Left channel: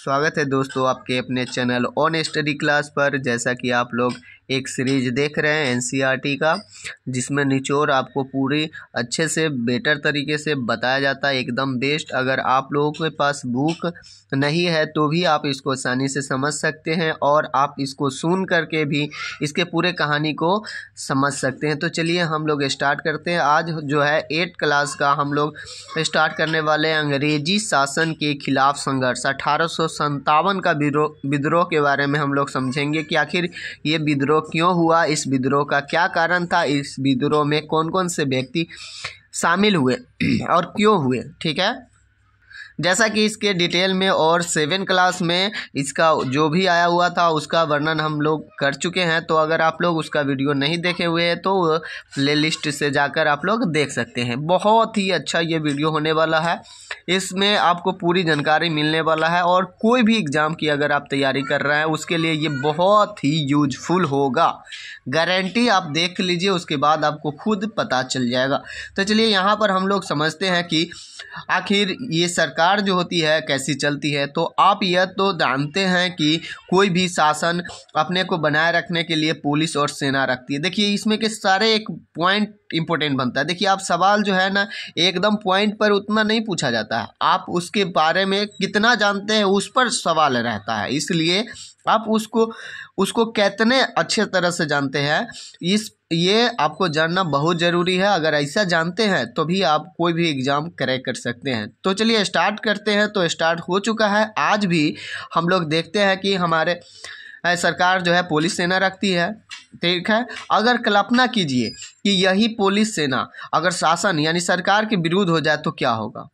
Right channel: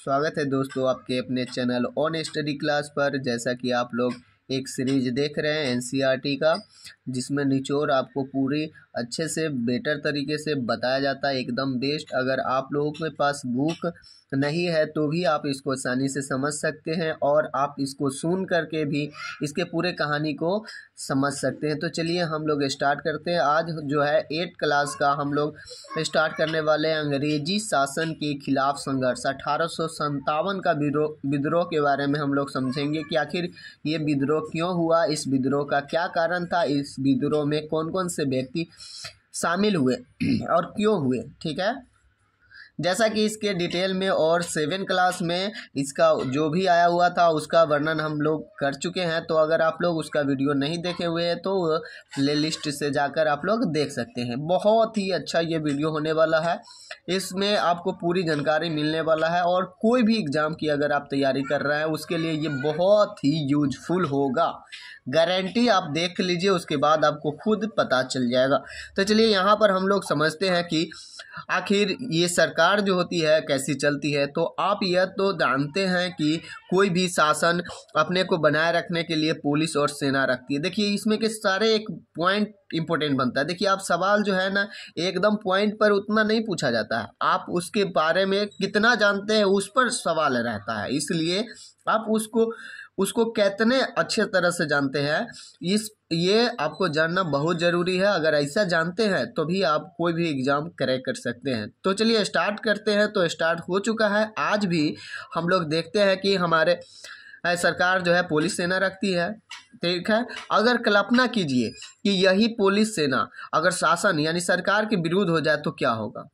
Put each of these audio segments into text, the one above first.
स्वागत है दोस्तों आपके अपने चैनल ऑन स्टडी क्लास पर। जैसा कि आप लोग एक सीरीज देख रहे हैं एनसीईआरटी का, जिसमें निचोड़ आपको पूरी अच्छे से बेटर तरीके से बताया जाता है, एकदम बेस्ट। अगर आप लोगों के पास बुक नहीं है तो भी आप इसको आसानी से समझ सकते हैं और आप इसको सुन करके भी इसके पूरे कहानी को समझ सकते हैं। तो चलिए हम लोग स्टार्ट करते हैं। आज जो है 8th क्लास का हम लोग स्टार्ट करने वाले हैं अंग्रेजी शासन के खिलाफ संघर्ष 1857 का विद्रोह के बारे में हम लोग समझेंगे कि आखिर ये विद्रोह क्यों हुआ, इस विद्रोह का क्या कारण था, इस विद्रोह में कौन कौन से व्यक्ति शामिल हुए और क्यों हुए। ठीक है, जैसा कि इसके डिटेल में और 7th क्लास में इसका जो भी आया हुआ था उसका वर्णन हम लोग कर चुके हैं। तो अगर आप लोग उसका वीडियो नहीं देखे हुए हैं तो प्लेलिस्ट से जाकर आप लोग देख सकते हैं। बहुत ही अच्छा ये वीडियो होने वाला है, इसमें आपको पूरी जानकारी मिलने वाला है और कोई भी एग्ज़ाम की अगर आप तैयारी कर रहे हैं उसके लिए ये बहुत ही यूजफुल होगा, गारंटी। आप देख लीजिए, उसके बाद आपको खुद पता चल जाएगा। तो चलिए यहाँ पर हम लोग समझते हैं कि आखिर ये सरकार जो होती है कैसी चलती है। तो आप यह तो जानते हैं कि कोई भी शासन अपने को बनाए रखने के लिए पुलिस और सेना रखती है। देखिए इसमें के सारे एक पॉइंट इंपॉर्टेंट बनता है। देखिए आप सवाल जो है ना एकदम पॉइंट पर उतना नहीं पूछा जाता है, आप उसके बारे में कितना जानते हैं उस पर सवाल रहता है। इसलिए आप उसको कितने अच्छे तरह से जानते हैं ये आपको जानना बहुत ज़रूरी है। अगर ऐसा जानते हैं तो भी आप कोई भी एग्ज़ाम क्रैक कर सकते हैं। तो चलिए स्टार्ट करते हैं। तो स्टार्ट हो चुका है। आज भी हम लोग देखते हैं कि हमारे सरकार जो है पुलिस सेना रखती है। ठीक है, अगर कल्पना कीजिए कि यही पुलिस सेना अगर शासन यानी सरकार के विरुद्ध हो जाए तो क्या होगा।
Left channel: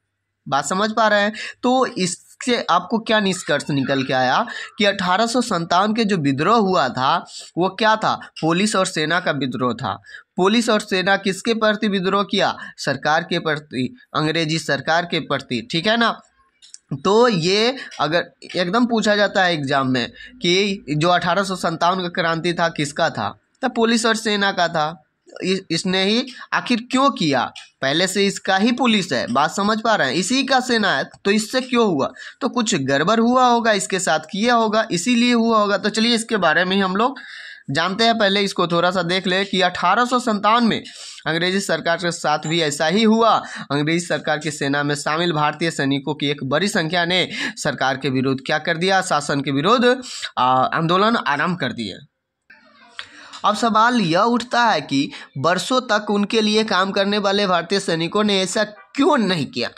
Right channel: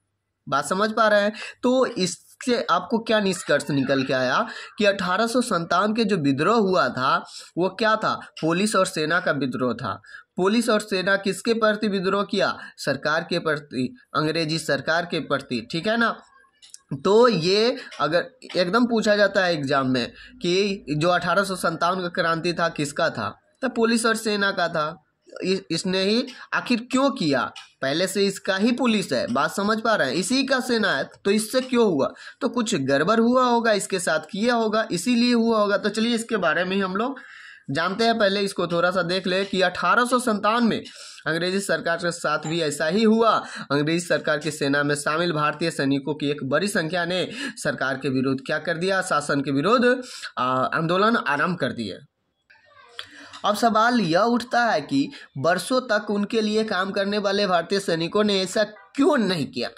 बात समझ पा रहे हैं। तो इससे आपको क्या निष्कर्ष निकल के आया कि 1857 के जो विद्रोह हुआ था वो क्या था, पुलिस और सेना का विद्रोह था। पुलिस और सेना किसके प्रति विद्रोह किया, सरकार के प्रति, अंग्रेजी सरकार के प्रति। ठीक है ना। तो ये अगर एकदम पूछा जाता है एग्जाम में कि जो 1857 का क्रांति था किसका था, तो पुलिस और सेना का था। इसने ही आखिर क्यों किया, पहले से इसका ही पुलिस है, बात समझ पा रहे हैं, इसी का सेना है, तो इससे क्यों हुआ, तो कुछ गड़बड़ हुआ होगा, इसके साथ किया होगा, इसीलिए हुआ होगा। तो चलिए इसके बारे में हम लोग जानते हैं। पहले इसको थोड़ा सा देख ले कि 1857 में अंग्रेजी सरकार के साथ भी ऐसा ही हुआ। अंग्रेजी सरकार की सेना में शामिल भारतीय सैनिकों की एक बड़ी संख्या ने सरकार के विरुद्ध क्या कर दिया, शासन के विरुद्ध आंदोलन आरंभ कर दिए। अब सवाल यह उठता है कि वर्षों तक उनके लिए काम करने वाले भारतीय सैनिकों ने ऐसा क्यों नहीं किया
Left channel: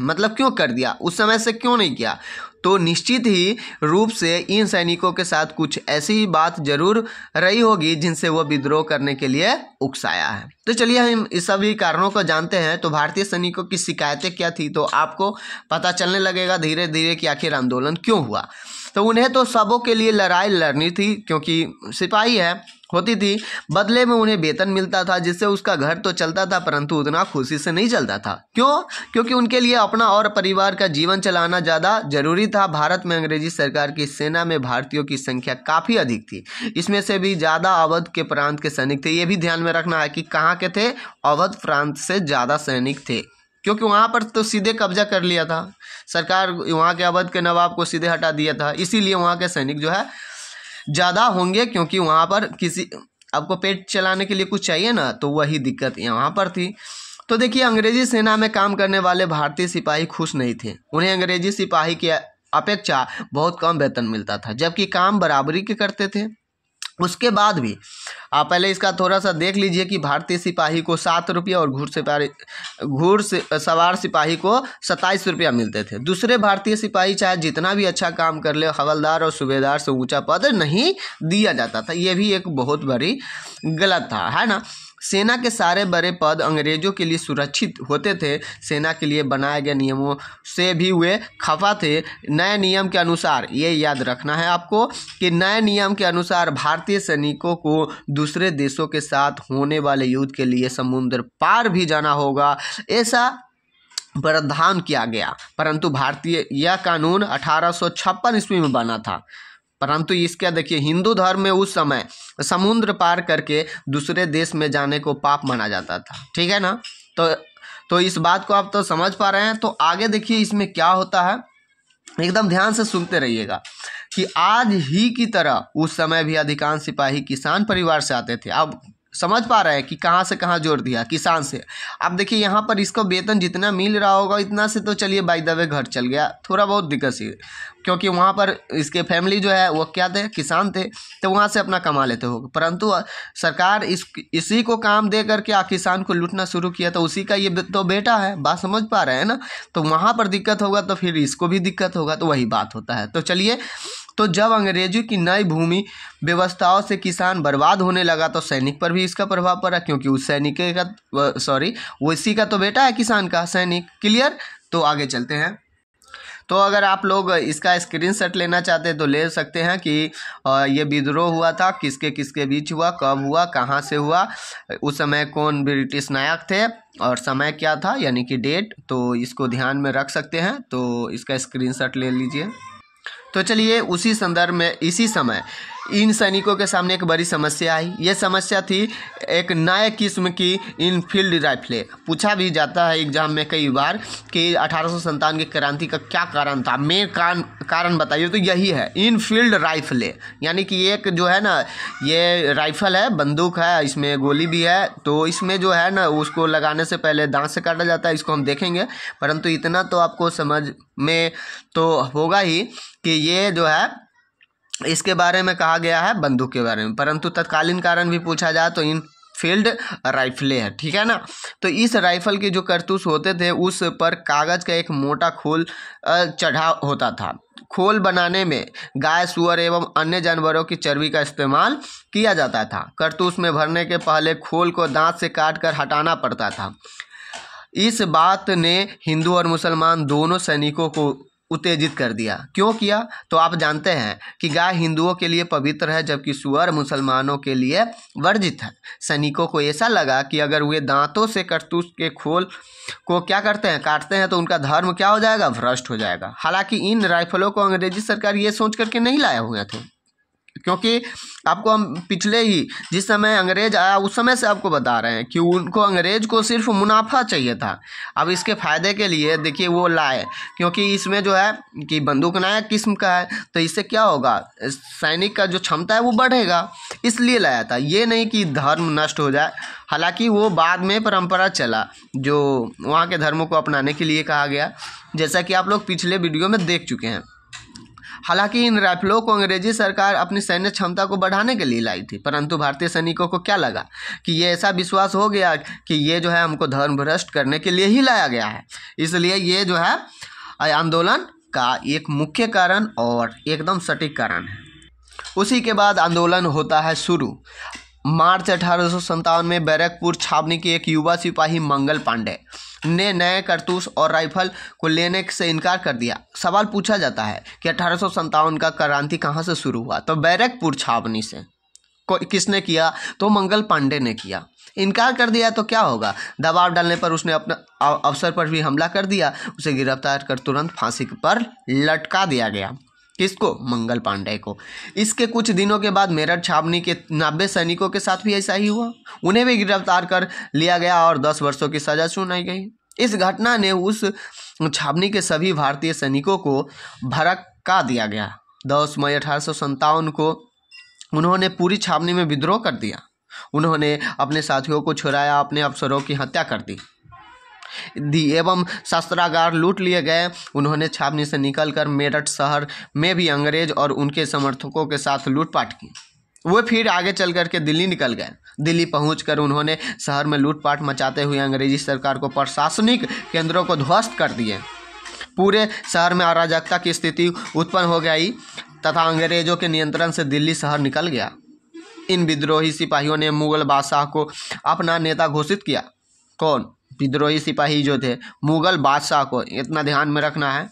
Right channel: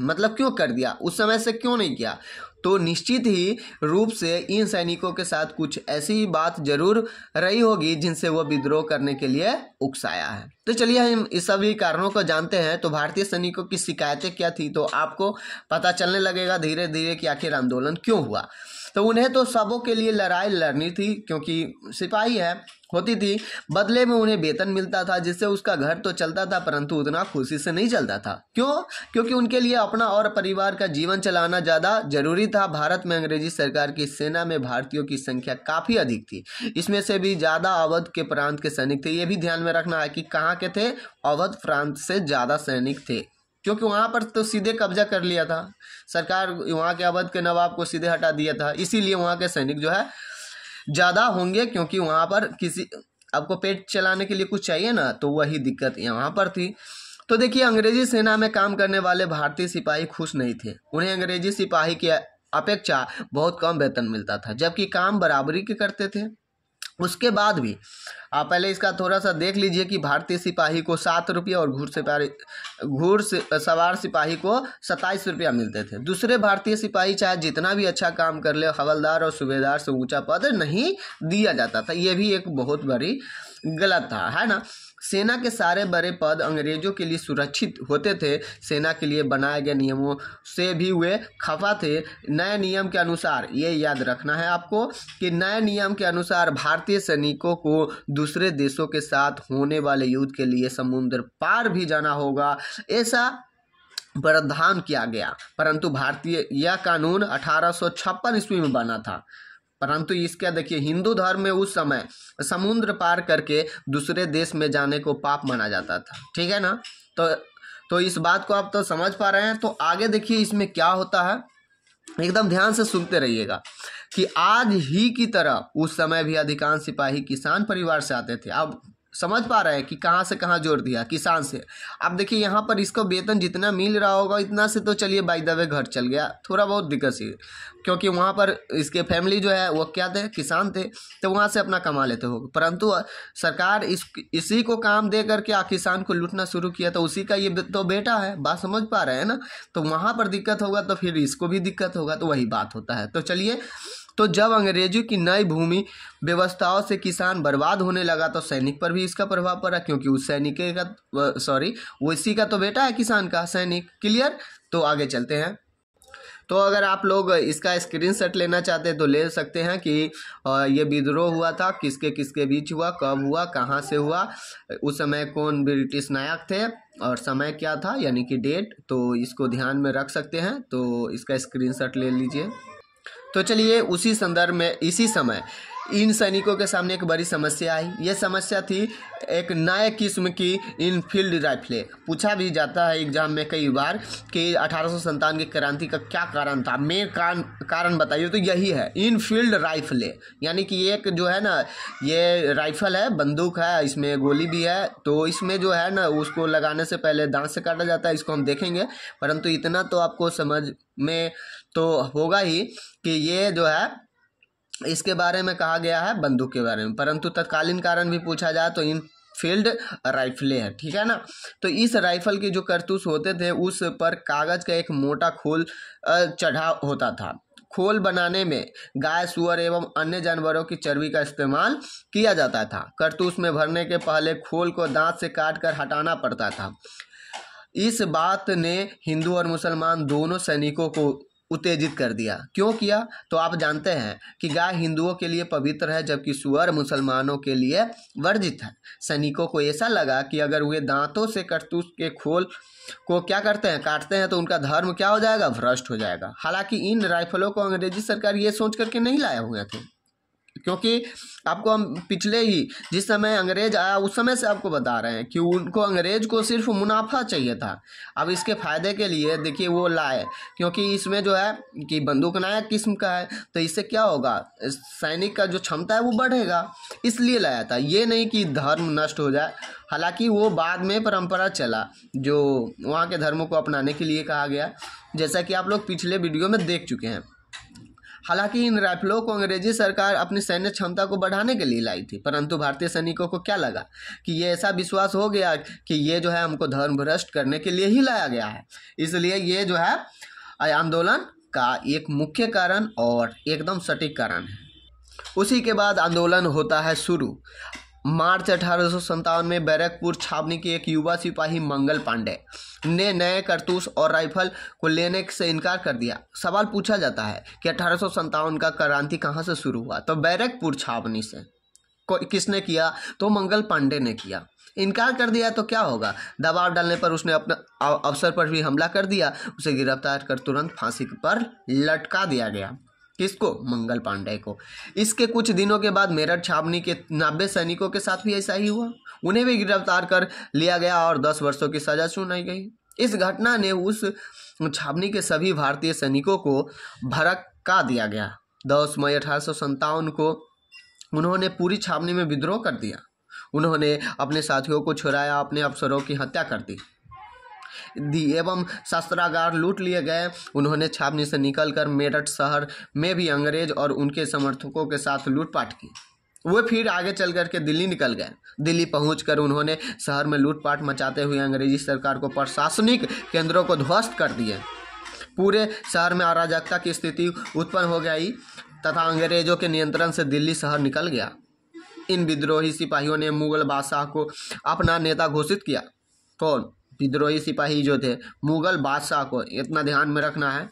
मतलब क्यों कर दिया, उस समय से क्यों नहीं किया। तो निश्चित ही रूप से इन सैनिकों के साथ कुछ ऐसी बात जरूर रही होगी जिनसे वो विद्रोह करने के लिए उकसाया है। तो चलिए हम इस सभी कारणों को जानते हैं। तो भारतीय सैनिकों की शिकायतें क्या थी, तो आपको पता चलने लगेगा धीरे धीरे कि आखिर आंदोलन क्यों हुआ। तो उन्हें तो सबों के लिए लड़ाई लड़नी थी, क्योंकि सिपाही है होती थी। बदले में उन्हें वेतन मिलता था जिससे उसका घर तो चलता था, परंतु उतना खुशी से नहीं चलता था। क्यों, क्योंकि उनके लिए अपना और परिवार का जीवन चलाना ज़्यादा जरूरी था। भारत में अंग्रेजी सरकार की सेना में भारतीयों की संख्या काफ़ी अधिक थी, इसमें से भी ज़्यादा अवध के प्रांत के सैनिक थे। ये भी ध्यान में रखना है कि कहाँ के थे, अवध प्रांत से ज़्यादा सैनिक थे, क्योंकि वहाँ पर तो सीधे कब्जा कर लिया था सरकार, वहाँ के अवध के नवाब को सीधे हटा दिया था। इसीलिए वहाँ के सैनिक जो है ज़्यादा होंगे, क्योंकि वहाँ पर किसी आपको पेट चलाने के लिए कुछ चाहिए ना, तो वही दिक्कत यहाँ पर थी। तो देखिए अंग्रेजी सेना में काम करने वाले भारतीय सिपाही खुश नहीं थे। उन्हें अंग्रेजी सिपाही की अपेक्षा बहुत कम वेतन मिलता था, जबकि काम बराबरी के करते थे। उसके बाद भी आप पहले इसका थोड़ा सा देख लीजिए कि भारतीय सिपाही को 7 रुपया और घुड़सवार सिपाही को 27 रुपया मिलते थे। दूसरे भारतीय सिपाही चाहे जितना भी अच्छा काम कर ले, हवलदार और सूबेदार से ऊंचा पद नहीं दिया जाता था। ये भी एक बहुत बड़ी गलत था, है ना। सेना के सारे बड़े पद अंग्रेजों के लिए सुरक्षित होते थे। सेना के लिए बनाए गए नियमों से भी वे खफा थे। नए नियम के अनुसार, ये याद रखना है आपको कि नए नियम के अनुसार भारतीय सैनिकों को दूसरे देशों के साथ होने वाले युद्ध के लिए समुद्र पार भी जाना होगा, ऐसा प्रावधान किया गया। परंतु भारतीय यह कानून 1856 ईस्वी में बना था, परंतु इसका देखिए हिंदू धर्म में उस समय समुद्र पार करके दूसरे देश में जाने को पाप माना जाता था। ठीक है ना। तो इस बात को आप तो समझ पा रहे हैं। तो आगे देखिए इसमें क्या होता है। एकदम ध्यान से सुनते रहिएगा कि आज ही की तरह उस समय भी अधिकांश सिपाही किसान परिवार से आते थे। अब समझ पा रहे हैं कि कहाँ से कहाँ जोड़ दिया, किसान से। अब देखिए यहाँ पर इसको वेतन जितना मिल रहा होगा इतना से तो चलिए बाय द वे घर चल गया, थोड़ा बहुत दिक्कत सी, क्योंकि वहाँ पर इसके फैमिली जो है वो क्या थे, किसान थे, तो वहाँ से अपना कमा लेते होंगे। परंतु सरकार इसी को काम दे करके किसान को लूटना शुरू किया, तो उसी का ये तो बेटा है, बात समझ पा रहे हैं ना। तो वहाँ पर दिक्कत होगा तो फिर इसको भी दिक्कत होगा, तो वही बात होता है। तो चलिए, तो जब अंग्रेजों की नई भूमि व्यवस्थाओं से किसान बर्बाद होने लगा तो सैनिक पर भी इसका प्रभाव पड़ा, क्योंकि उस सैनिक का वो इसी का तो बेटा है किसान का, सैनिक। क्लियर। तो आगे चलते हैं। तो अगर आप लोग इसका स्क्रीनशॉट लेना चाहते हैं तो ले सकते हैं कि ये विद्रोह हुआ था, किसके किसके बीच हुआ, कब हुआ, कहाँ से हुआ, उस समय कौन ब्रिटिश नायक थे और समय क्या था, यानी कि डेट। तो इसको ध्यान में रख सकते हैं, तो इसका स्क्रीनशॉट ले लीजिए। तो चलिए, उसी संदर्भ में इसी समय इन सैनिकों के सामने एक बड़ी समस्या आई। ये समस्या थी एक नए किस्म की इनफील्ड राइफलें। पूछा भी जाता है एग्जाम में कई बार कि 1857 की क्रांति का क्या कारण था, मेन कारण बताइए। तो यही है इनफील्ड राइफलें, यानी कि एक जो है ना, ये राइफल है, बंदूक है, इसमें गोली भी है, तो इसमें जो है ना उसको लगाने से पहले दांत से काटा जाता है, इसको हम देखेंगे। परंतु इतना तो आपको समझ में तो होगा ही कि ये जो है इसके बारे में कहा गया है, बंदूक के बारे में। परंतु तत्कालीन कारण भी पूछा जाए तो इन फील्ड राइफलें है, ठीक है ना। तो इस राइफल के जो कारतूस होते थे उस पर कागज का एक मोटा खोल चढ़ा होता था। खोल बनाने में गाय, सुअर एवं अन्य जानवरों की चर्बी का इस्तेमाल किया जाता था। कारतूस में भरने के पहले खोल को दांत से काट कर हटाना पड़ता था। इस बात ने हिंदू और मुसलमान दोनों सैनिकों को उत्तेजित कर दिया। क्यों किया? तो आप जानते हैं कि गाय हिंदुओं के लिए पवित्र है, जबकि सुअर मुसलमानों के लिए वर्जित है। सैनिकों को ऐसा लगा कि अगर वे दांतों से कारतूस के खोल को क्या करते हैं, काटते हैं, तो उनका धर्म क्या हो जाएगा, भ्रष्ट हो जाएगा। हालांकि इन राइफलों को अंग्रेजी सरकार ये सोच करके नहीं लाए हुए थे, क्योंकि आपको हम पिछले ही जिस समय अंग्रेज आया उस समय से आपको बता रहे हैं कि उनको, अंग्रेज को सिर्फ मुनाफा चाहिए था। अब इसके फायदे के लिए देखिए वो लाए, क्योंकि इसमें जो है कि बंदूक नया किस्म का है, तो इससे क्या होगा, सैनिक का जो क्षमता है वो बढ़ेगा, इसलिए लाया था। ये नहीं कि धर्म नष्ट हो जाए। हालांकि वो बाद में परंपरा चला जो वहाँ के धर्मों को अपनाने के लिए कहा गया, जैसा कि आप लोग पिछले वीडियो में देख चुके हैं। हालांकि इन राइफलों को अंग्रेजी सरकार अपनी सैन्य क्षमता को बढ़ाने के लिए लाई थी, परंतु भारतीय सैनिकों को क्या लगा कि ये ऐसा विश्वास हो गया कि ये जो है हमको धर्म भ्रष्ट करने के लिए ही लाया गया है। इसलिए ये जो है आंदोलन का एक मुख्य कारण और एकदम सटीक कारण है। उसी के बाद आंदोलन होता है शुरू। मार्च 1857 में बैरकपुर छावनी के एक युवा सिपाही मंगल पांडे ने नए कारतूस और राइफल को लेने से इनकार कर दिया। सवाल पूछा जाता है कि 1857 का क्रांति कहाँ से शुरू हुआ, तो बैरकपुर छावनी से। किसने किया? तो मंगल पांडे ने किया। इनकार कर दिया तो क्या होगा, दबाव डालने पर उसने अपने अफसर पर भी हमला कर दिया। उसे गिरफ्तार कर तुरंत फांसी पर लटका दिया गया। किसको? मंगल पांडे को। इसके कुछ दिनों के बाद मेरठ छावनी के 90 सैनिकों के साथ भी ऐसा ही हुआ। उन्हें भी गिरफ्तार कर लिया गया और 10 वर्षों की सजा सुनाई गई। इस घटना ने उस छावनी के सभी भारतीय सैनिकों को भड़का दिया गया। 10 मई 1857 को उन्होंने पूरी छावनी में विद्रोह कर दिया। उन्होंने अपने साथियों को छुड़ाया, अपने अफसरों की हत्या कर दी एवं शस्त्रागार लूट लिए गए। उन्होंने छावनी से निकलकर मेरठ शहर में भी अंग्रेज और उनके समर्थकों के साथ लूटपाट की। वे फिर आगे चल करके दिल्ली निकल गए। दिल्ली पहुंचकर उन्होंने शहर में लूटपाट मचाते हुए अंग्रेजी सरकार को प्रशासनिक केंद्रों को ध्वस्त कर दिए। पूरे शहर में अराजकता की स्थिति उत्पन्न हो गई तथा अंग्रेजों के नियंत्रण से दिल्ली शहर निकल गया। इन विद्रोही सिपाहियों ने मुगल बादशाह को अपना नेता घोषित किया। कौन? विद्रोही सिपाही जो थे, मुगल बादशाह को, इतना ध्यान में रखना है।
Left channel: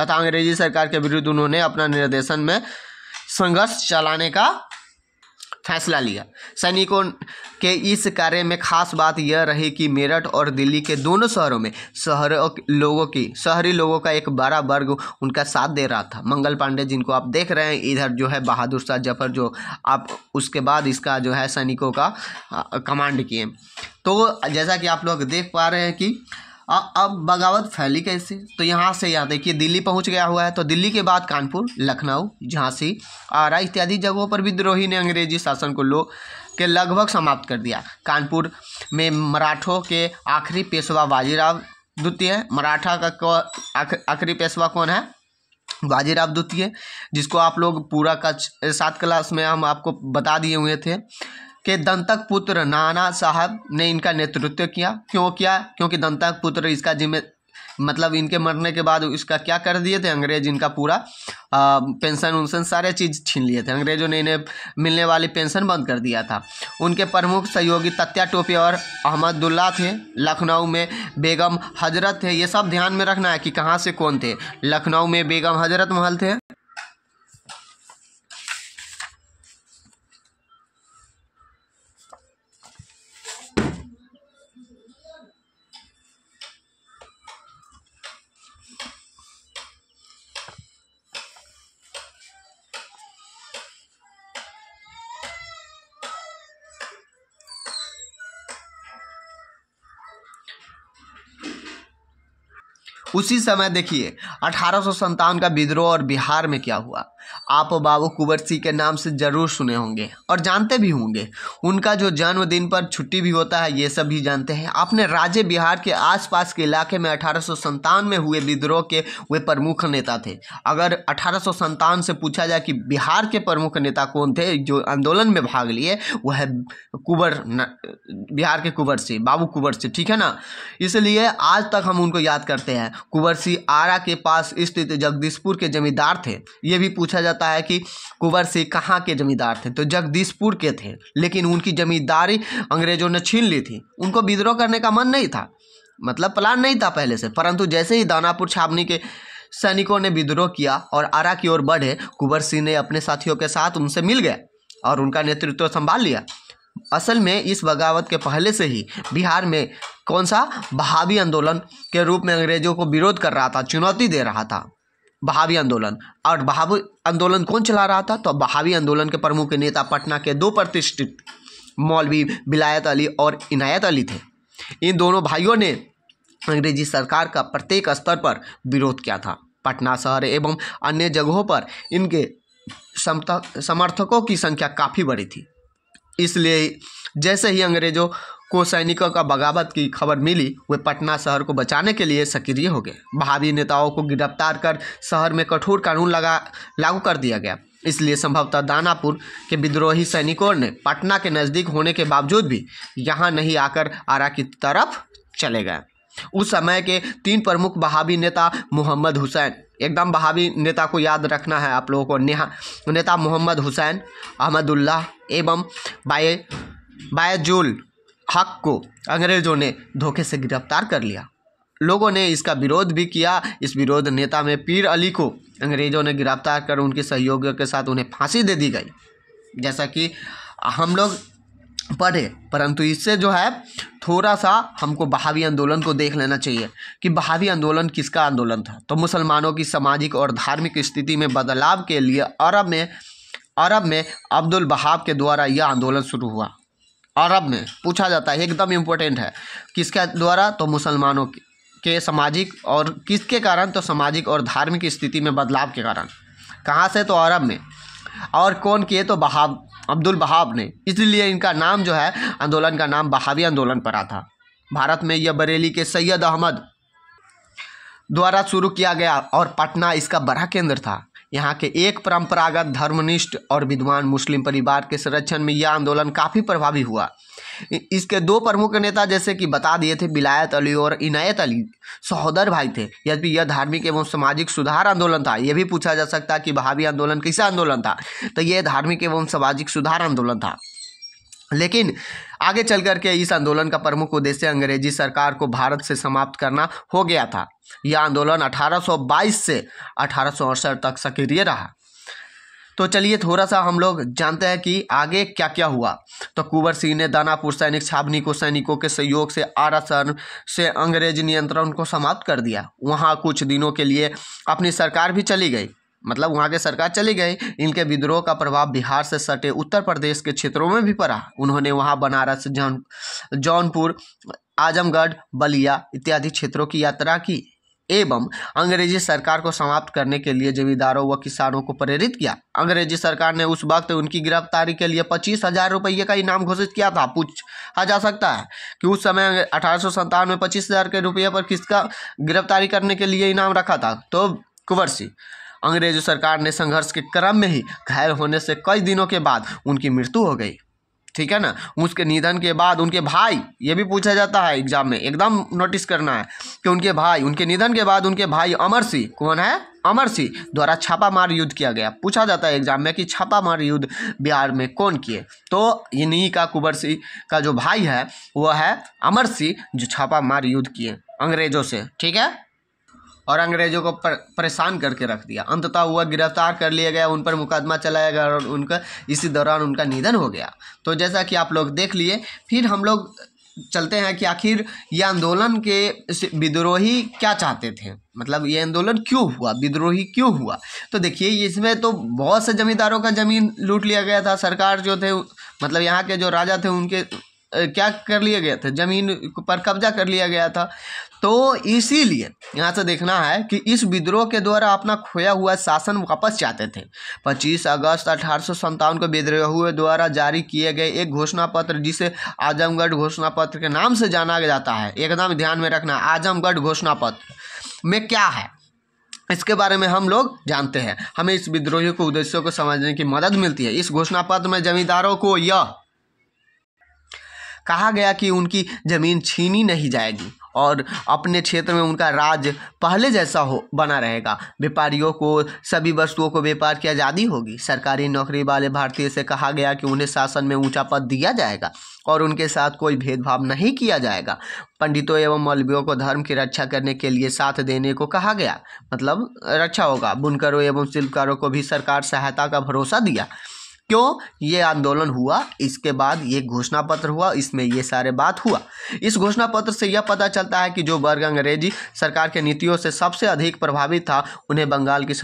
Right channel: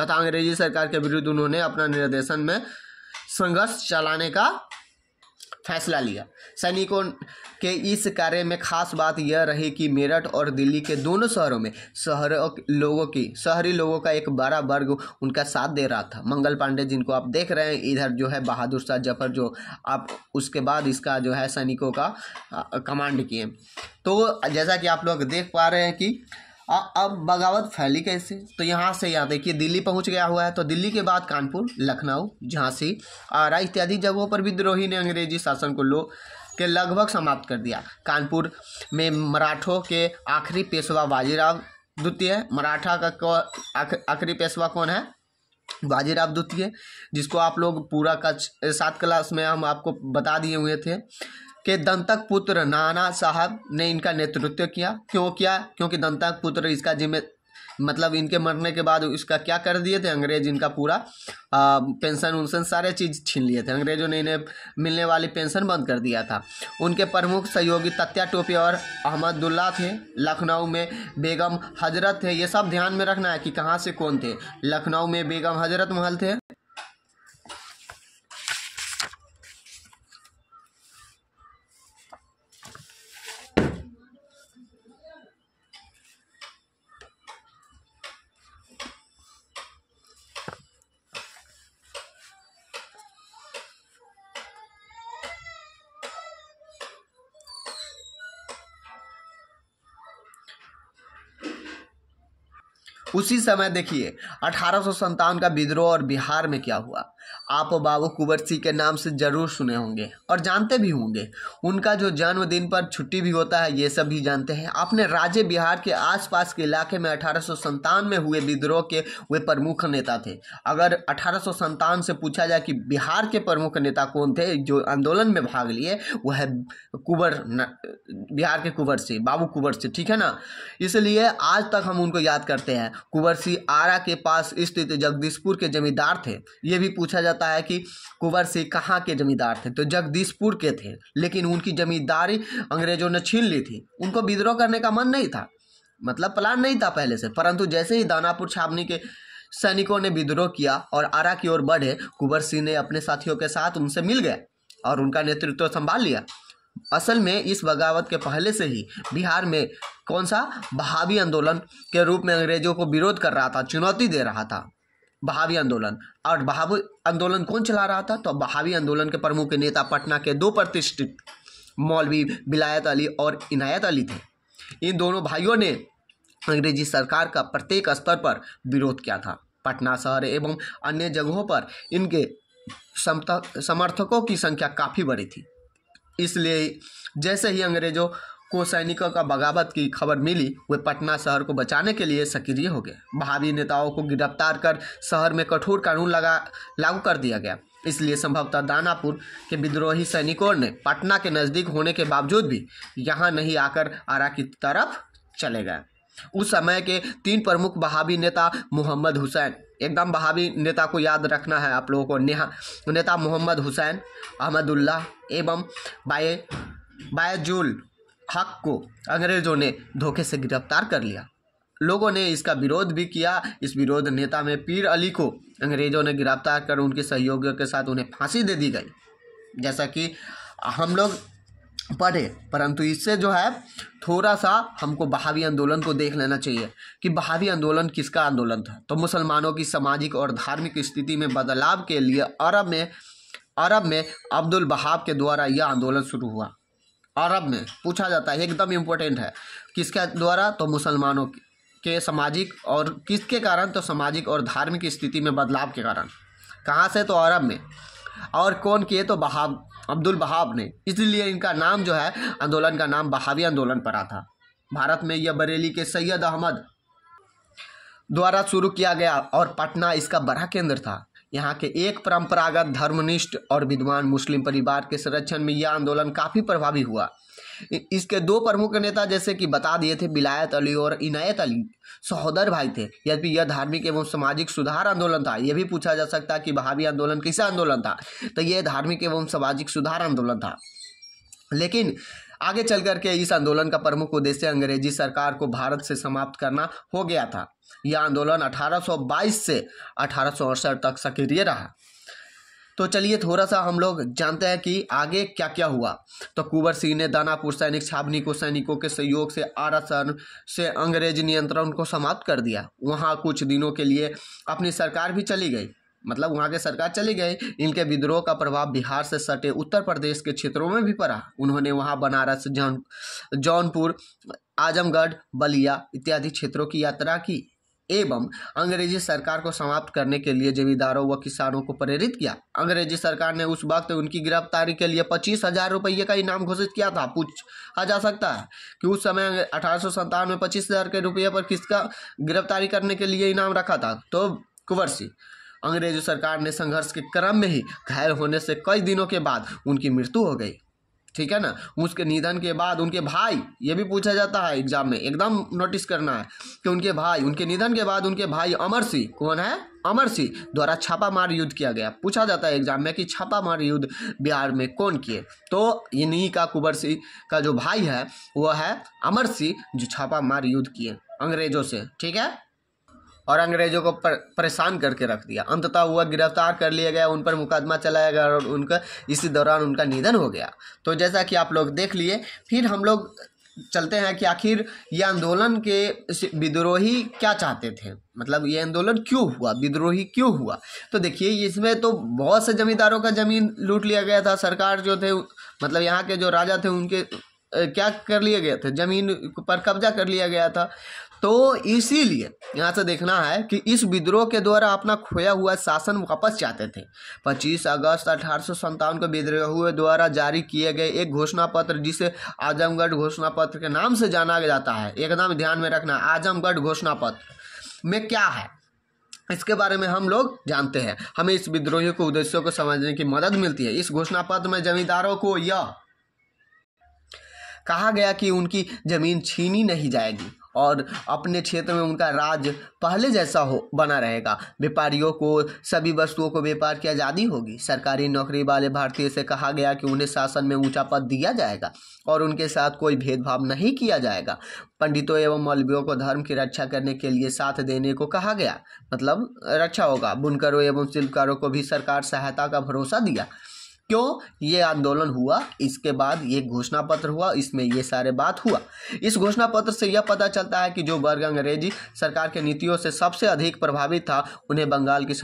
तथा अंग्रेजी सरकार के विरुद्ध उन्होंने अपना निर्देशन में संघर्ष चलाने का फैसला लिया। सैनिकों के इस कार्य में खास बात यह रही कि मेरठ और दिल्ली के दोनों शहरों में शहरी लोगों का एक बड़ा वर्ग उनका साथ दे रहा था। मंगल पांडे जिनको आप देख रहे हैं इधर, जो है बहादुर शाह जफर, जो आप उसके बाद इसका जो है सैनिकों का कमांड किए। तो जैसा कि आप लोग देख पा रहे हैं कि अब बगावत फैली कैसे, तो यहाँ से यहाँ देखिए दिल्ली पहुँच गया हुआ है। तो दिल्ली के बाद कानपुर, लखनऊ, झांसी, आरा इत्यादि जगहों पर विद्रोही ने अंग्रेजी शासन के लगभग समाप्त कर दिया। कानपुर में मराठों के आखिरी पेशवा बाजीराव द्वितीय, मराठा का आखिरी पेशवा कौन है? बाजीराव द्वितीय, जिसको आप लोग पूरा का 7 क्लास में हम आपको बता दिए हुए थे कि दंतक पुत्र नाना साहब ने इनका नेतृत्व किया। क्यों किया? क्योंकि दंतक पुत्र इसका मतलब इनके मरने के बाद इसका क्या कर दिए थे अंग्रेज, इनका पूरा पेंशन उनशन सारे चीज़ छीन लिए थे अंग्रेजों ने, इन्हें मिलने वाली पेंशन बंद कर दिया था। उनके प्रमुख सहयोगी तत्या टोपे और अहमदुल्ला थे। लखनऊ में बेगम हजरत थे। ये सब ध्यान में रखना है कि कहाँ से कौन थे। लखनऊ में बेगम हजरत महल थे। उसी समय देखिए 1857 का विद्रोह और बिहार में क्या हुआ। आप बाबू कुंवर सिंह के नाम से जरूर सुने होंगे और जानते भी होंगे। उनका जो जन्मदिन पर छुट्टी भी होता है ये सब भी जानते हैं। अपने राज्य बिहार के आसपास के इलाके में 1857 में हुए विद्रोह के वे प्रमुख नेता थे। अगर 1857 से पूछा जाए कि बिहार के प्रमुख नेता कौन थे जो आंदोलन में भाग लिए, वह है बिहार के कुंवर सिंह, बाबू कुंवर सिंह, ठीक है ना। इसलिए आज तक हम उनको याद करते हैं। कुंवर सिंह आरा के पास स्थित जगदीशपुर के जमींदार थे। ये भी पूछा जाता है कि कुंवर सिंह कहाँ के जमींदार थे, तो जगदीशपुर के थे, लेकिन उनकी जमींदारी अंग्रेजों ने छीन ली थी। उनको विद्रोह करने का मन नहीं था, मतलब प्लान नहीं था पहले से, परंतु जैसे ही दानापुर छावनी के सैनिकों ने विद्रोह किया और आरा की ओर बढ़े, कुंवर सिंह ने अपने साथियों के साथ उनसे मिल गया और उनका नेतृत्व संभाल लिया। असल में इस बगावत के पहले से ही बिहार में कौन सा बहावी आंदोलन के रूप में अंग्रेजों को विरोध कर रहा था, चुनौती दे रहा था बहावी आंदोलन। और बहावी आंदोलन कौन चला रहा था? तो बहावी आंदोलन के प्रमुख नेता पटना के 2 प्रतिष्ठित मौलवी विलायत अली और इनायत अली थे। इन दोनों भाइयों ने अंग्रेजी सरकार का प्रत्येक स्तर पर विरोध किया था। पटना शहर एवं अन्य जगहों पर इनके समर्थकों की संख्या काफ़ी बड़ी थी। इसलिए जैसे ही अंग्रेजों को सैनिकों का बगावत की खबर मिली, वे पटना शहर को बचाने के लिए सक्रिय हो गए। बहावी नेताओं को गिरफ्तार कर शहर में कठोर कानून लागू कर दिया गया। इसलिए संभवतः दानापुर के विद्रोही सैनिकों ने पटना के नज़दीक होने के बावजूद भी यहाँ नहीं आकर आरा की तरफ चले गए। उस समय के 3 प्रमुख बहावी नेता मोहम्मद हुसैन, एकदम बहावी नेता को याद रखना है आप लोगों को, नेता मोहम्मद हुसैन, अहमदुल्ला एवं बायजुल हक को अंग्रेजों ने धोखे से गिरफ्तार कर लिया। लोगों ने इसका विरोध भी किया। इस विरोध नेता में पीर अली को अंग्रेजों ने गिरफ्तार कर उनके सहयोगियों के साथ उन्हें फांसी दे दी गई, जैसा कि हम लोग पढ़े। परंतु इससे जो है थोड़ा सा हमको बहावी आंदोलन को देख लेना चाहिए कि बहावी आंदोलन किसका आंदोलन था। तो मुसलमानों की सामाजिक और धार्मिक स्थिति में बदलाव के लिए अरब में अब्दुल वहाब के द्वारा यह आंदोलन शुरू हुआ। अरब में पूछा जाता है, एकदम इम्पोर्टेंट है, किसके द्वारा? तो मुसलमानों के सामाजिक, और किसके कारण? तो सामाजिक और धार्मिक स्थिति में बदलाव के कारण। कहाँ से? तो अरब में। और कौन किए? तो वहाब, अब्दुल वहाब ने। इसलिए इनका नाम जो है, आंदोलन का नाम बहावी आंदोलन पड़ा था। भारत में यह बरेली के सैयद अहमद द्वारा शुरू किया गया और पटना इसका बड़ा केंद्र था। यहाँ के एक परंपरागत धर्मनिष्ठ और विद्वान मुस्लिम परिवार के संरक्षण में यह आंदोलन काफ़ी प्रभावी हुआ। इसके 2 प्रमुख नेता जैसे कि बता दिए थे, विलायत अली और इनायत अली सहोदर भाई थे। यद्यपि यह धार्मिक एवं सामाजिक सुधार आंदोलन था। यह भी पूछा जा सकता है कि बहावी आंदोलन कैसा आंदोलन था? तो यह धार्मिक एवं सामाजिक सुधार आंदोलन था। लेकिन आगे चल करके इस आंदोलन का प्रमुख उद्देश्य अंग्रेजी सरकार को भारत से समाप्त करना हो गया था। यह आंदोलन 1822 से 1868 तक सक्रिय रहा। तो चलिए थोड़ा सा हम लोग जानते हैं कि आगे क्या क्या हुआ। तो कुंवर सिंह ने दानापुर सैनिक छावनी को सैनिकों के सहयोग से आरा शहर से अंग्रेज नियंत्रण को समाप्त कर दिया। वहाँ कुछ दिनों के लिए अपनी सरकार भी चली गई, मतलब वहाँ की सरकार चली गई। इनके विद्रोह का प्रभाव बिहार से सटे उत्तर प्रदेश के क्षेत्रों में भी पड़ा। उन्होंने वहाँ बनारस, जौनपुर आजमगढ़, बलिया इत्यादि क्षेत्रों की यात्रा की एवं अंग्रेजी सरकार को समाप्त करने के लिए जमींदारों व किसानों को प्रेरित किया। अंग्रेजी सरकार ने उस वक्त उनकी गिरफ्तारी के लिए 25,000 रुपये का इनाम घोषित किया था। पूछा जा सकता है कि उस समय 1857 में 25,000 के रुपये पर किसका गिरफ्तारी करने के लिए इनाम रखा था? तो कुंवर सिंह। अंग्रेजी सरकार ने संघर्ष के क्रम में ही घायल होने से कई दिनों के बाद उनकी मृत्यु हो गई। ठीक है ना। उसके निधन के बाद उनके भाई, ये भी पूछा जाता है एग्जाम में, एकदम नोटिस करना है कि उनके निधन के बाद उनके भाई अमर सिंह, कौन है? अमर सिंह द्वारा छापामार युद्ध किया गया। पूछा जाता है एग्जाम में कि छापामार युद्ध बिहार में कौन किए? तो इन्हीं का कुंवर सिंह का जो भाई है वो है अमर सिंह, जो छापामार युद्ध किए अंग्रेजों से। ठीक है। और अंग्रेजों को परेशान करके रख दिया। अंततः वह गिरफ्तार कर लिया गया, उन पर मुकदमा चलाया गया और उनका इसी दौरान उनका निधन हो गया। तो जैसा कि आप लोग देख लिए, फिर हम लोग चलते हैं कि आखिर ये आंदोलन के विद्रोही क्या चाहते थे, मतलब ये आंदोलन क्यों हुआ, विद्रोही क्यों हुआ? तो देखिए, इसमें तो बहुत से जमींदारों का जमीन लूट लिया गया था। सरकार जो थे, मतलब यहाँ के जो राजा थे, उनके क्या कर लिए गए थे, जमीन पर कब्जा कर लिया गया था। तो इसीलिए यहाँ से देखना है कि इस विद्रोह के द्वारा अपना खोया हुआ शासन वापस चाहते थे। 25 अगस्त 1857 को विद्रोहियों द्वारा जारी किए गए एक घोषणा पत्र, जिसे आजमगढ़ घोषणा पत्र के नाम से जाना जाता है, एकदम ध्यान में रखना, आजमगढ़ घोषणा पत्र में क्या है इसके बारे में हम लोग जानते हैं। हमें इस विद्रोहियों के उद्देश्यों को समझने की मदद मिलती है। इस घोषणा पत्र में जमींदारों को यह कहा गया कि उनकी जमीन छीनी नहीं जाएगी और अपने क्षेत्र में उनका राज पहले जैसा बना रहेगा। व्यापारियों को सभी वस्तुओं को व्यापार की आज़ादी होगी। सरकारी नौकरी वाले भारतीय से कहा गया कि उन्हें शासन में ऊंचा पद दिया जाएगा और उनके साथ कोई भेदभाव नहीं किया जाएगा। पंडितों एवं मौलवियों को धर्म की रक्षा करने के लिए साथ देने को कहा गया, मतलब रक्षा होगा। बुनकरों एवं शिल्पकारों को भी सरकार सहायता का भरोसा दिया। क्यों ये आंदोलन हुआ? इसके बाद ये घोषणा पत्र हुआ, इसमें ये सारे बात हुआ। इस घोषणा पत्र से यह पता चलता है कि जो वर्ग अंग्रेजी सरकार के नीतियों से सबसे अधिक प्रभावित था, उन्हें बंगाल की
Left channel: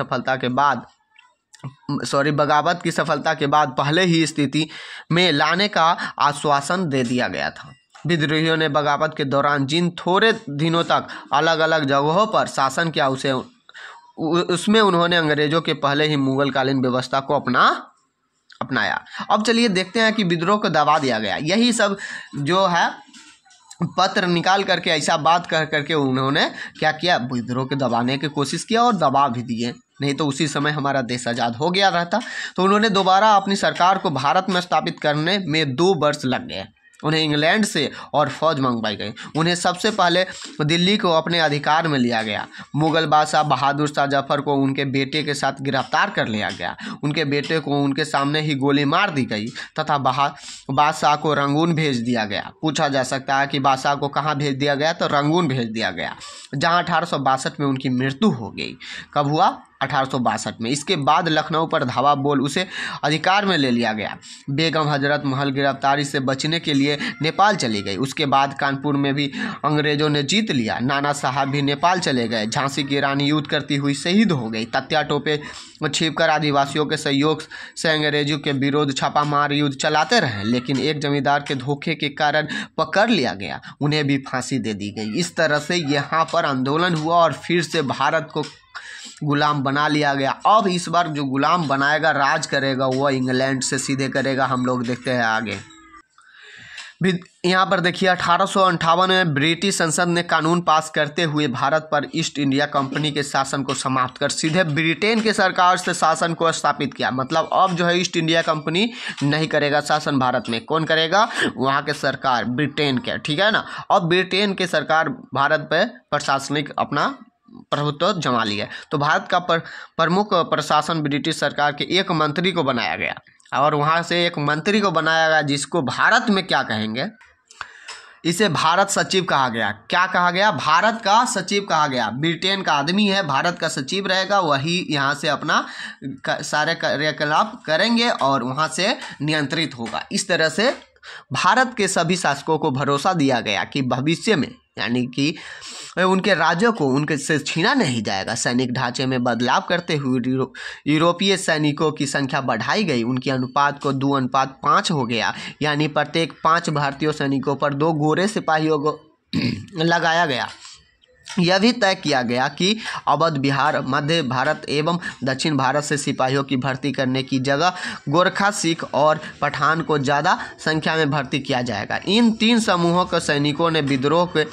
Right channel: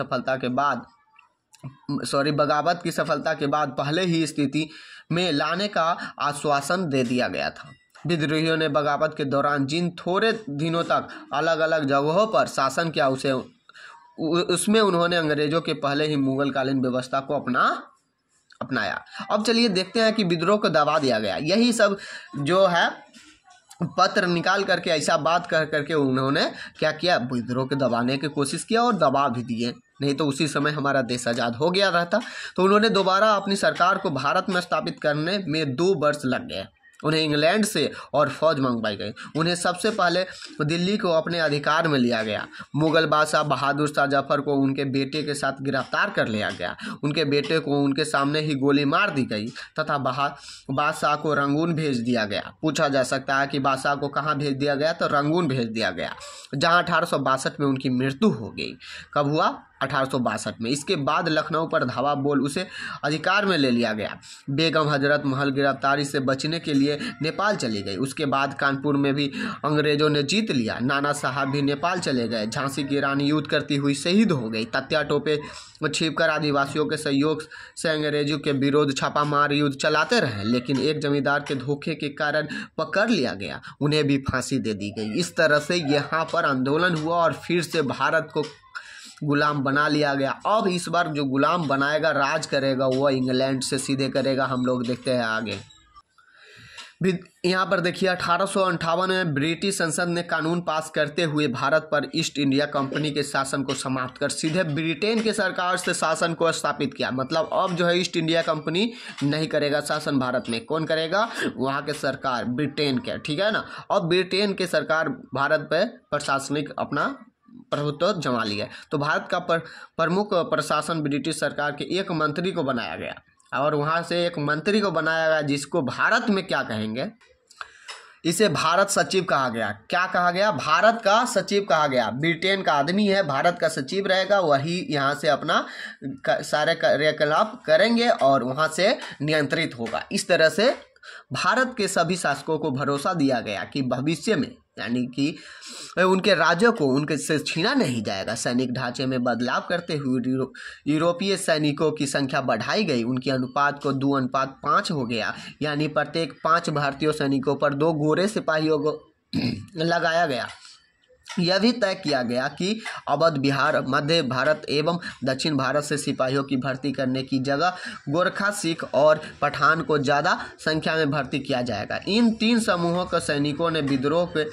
बगावत की सफलता के बाद पहले ही स्थिति में लाने का आश्वासन दे दिया गया था। विद्रोहियों ने बगावत के दौरान जिन थोड़े दिनों तक अलग अलग जगहों पर शासन किया, उसमें उन्होंने अंग्रेजों के पहले ही मुगलकालीन व्यवस्था को अपनाया। अब चलिए देखते हैं कि विद्रोह को दबा दिया गया। यही सब जो है पत्र निकाल करके ऐसा बात कह करके उन्होंने क्या किया, विद्रोह को दबाने की कोशिश किया और दबा भी दिए, नहीं तो उसी समय हमारा देश आज़ाद हो गया रहता। तो उन्होंने दोबारा अपनी सरकार को भारत में स्थापित करने में 2 वर्ष लग गए। उन्हें इंग्लैंड से और फौज मंगवाई गई। उन्हें सबसे पहले दिल्ली को अपने अधिकार में लिया गया। मुगल बादशाह बहादुर शाह जफर को उनके बेटे के साथ गिरफ्तार कर लिया गया। उनके बेटे को उनके सामने ही गोली मार दी गई तथा बादशाह को रंगून भेज दिया गया। पूछा जा सकता है कि बादशाह को कहाँ भेज दिया गया, तो रंगून भेज दिया गया, जहाँ 1862 में उनकी मृत्यु हो गई। कब हुआ? 1862 में। इसके बाद लखनऊ पर धावा बोल उसे अधिकार में ले लिया गया। बेगम हजरत महल गिरफ्तारी से बचने के लिए नेपाल चली गई। उसके बाद कानपुर में भी अंग्रेजों ने जीत लिया। नाना साहब भी नेपाल चले गए। झांसी की रानी युद्ध करती हुई शहीद हो गई। तत्या टोपे छिपकर आदिवासियों के सहयोग से अंग्रेजों के विरोध छापामार युद्ध चलाते रहे, लेकिन एक जमींदार के धोखे के कारण पकड़ लिया गया, उन्हें भी फांसी दे दी गई। इस तरह से यहाँ पर आंदोलन हुआ और फिर से भारत को गुलाम बना लिया गया। अब इस बार जो गुलाम बनाएगा, राज करेगा, वह इंग्लैंड से सीधे करेगा। हम लोग देखते हैं आगे। यहाँ पर देखिए 1858 में ब्रिटिश संसद ने कानून पास करते हुए भारत पर ईस्ट इंडिया कंपनी के शासन को समाप्त कर सीधे ब्रिटेन के सरकार से शासन को स्थापित किया। मतलब अब जो है ईस्ट इंडिया कंपनी नहीं करेगा शासन भारत में। कौन करेगा? वहाँ के सरकार, ब्रिटेन के, ठीक है ना। अब ब्रिटेन के सरकार भारत पर प्रशासनिक अपना प्रभुत्व जमा लिया। तो भारत का प्रमुख प्रशासन ब्रिटिश सरकार के एक मंत्री को बनाया गया और वहाँ से एक मंत्री को बनाया गया, जिसको भारत में क्या कहेंगे, इसे भारत सचिव कहा गया। क्या कहा गया? भारत का सचिव कहा गया। ब्रिटेन का आदमी है, भारत का सचिव रहेगा, वही यहाँ से अपना सारे क्रियाकलाप करेंगे और वहाँ से नियंत्रित होगा। इस तरह से भारत के सभी शासकों को भरोसा दिया गया कि भविष्य में, यानी कि उनके राज्यों को उनके से छीना नहीं जाएगा। सैनिक ढांचे में बदलाव करते हुए यूरोपीय सैनिकों की संख्या बढ़ाई गई। उनके अनुपात को 2:5 हो गया, यानी प्रत्येक 5 भारतीय सैनिकों पर 2 गोरे सिपाहियों को लगाया गया। यह भी तय किया गया कि अवध बिहार, मध्य भारत एवं दक्षिण भारत से सिपाहियों की भर्ती करने की जगह गोरखा, सिख और पठान को ज़्यादा संख्या में भर्ती किया जाएगा। इन 3 समूहों के सैनिकों ने विद्रोह को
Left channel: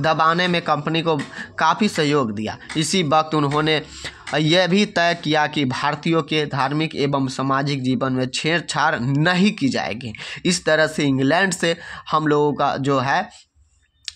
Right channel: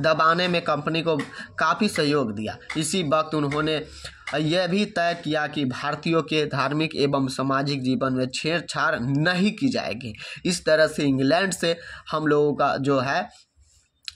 दबाने में कंपनी को काफ़ी सहयोग दिया। इसी वक्त उन्होंने यह भी तय किया कि भारतीयों के धार्मिक एवं सामाजिक जीवन में छेड़छाड़ नहीं की जाएगी। इस तरह से इंग्लैंड से हम लोगों का जो है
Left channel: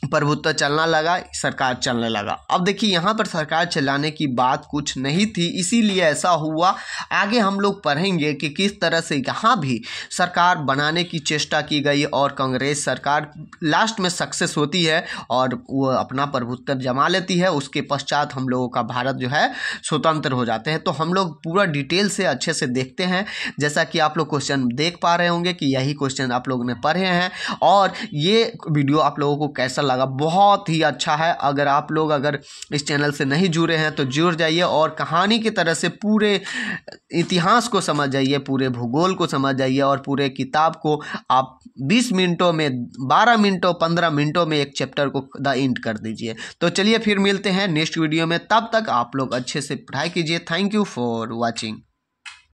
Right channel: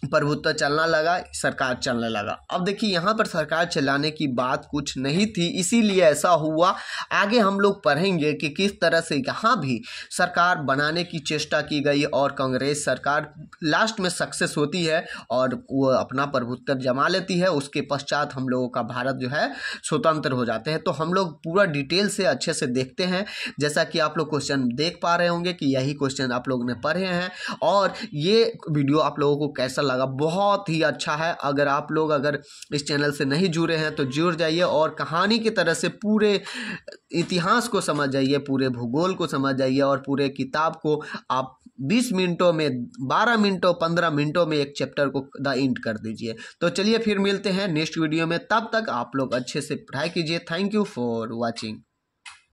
प्रभुत्व चलना लगा, सरकार चलने लगा। अब देखिए यहाँ पर सरकार चलाने की बात कुछ नहीं थी, इसीलिए ऐसा हुआ। आगे हम लोग पढ़ेंगे कि किस तरह से यहाँ भी सरकार बनाने की चेष्टा की गई और कांग्रेस सरकार लास्ट में सक्सेस होती है और वो अपना प्रभुत्व जमा लेती है। उसके पश्चात हम लोगों का भारत जो है स्वतंत्र हो जाते हैं। तो हम लोग पूरा डिटेल से अच्छे से देखते हैं। जैसा कि आप लोग क्वेश्चन देख पा रहे होंगे कि यही क्वेश्चन आप लोगों ने पढ़े हैं और ये वीडियो आप लोगों को कैसा लगा, बहुत ही अच्छा है। अगर आप लोग इस चैनल से नहीं जुड़े हैं तो जुड़ जाइए और कहानी की तरह से पूरे इतिहास को समझ जाइए, पूरे भूगोल को समझ जाइए और पूरे किताब को आप 20 मिनटों में, 12 मिनटों, 15 मिनटों में एक चैप्टर को द एंड कर दीजिए। तो चलिए फिर मिलते हैं नेक्स्ट वीडियो में, तब तक आप लोग अच्छे से पढ़ाई कीजिए। Thank you for watching.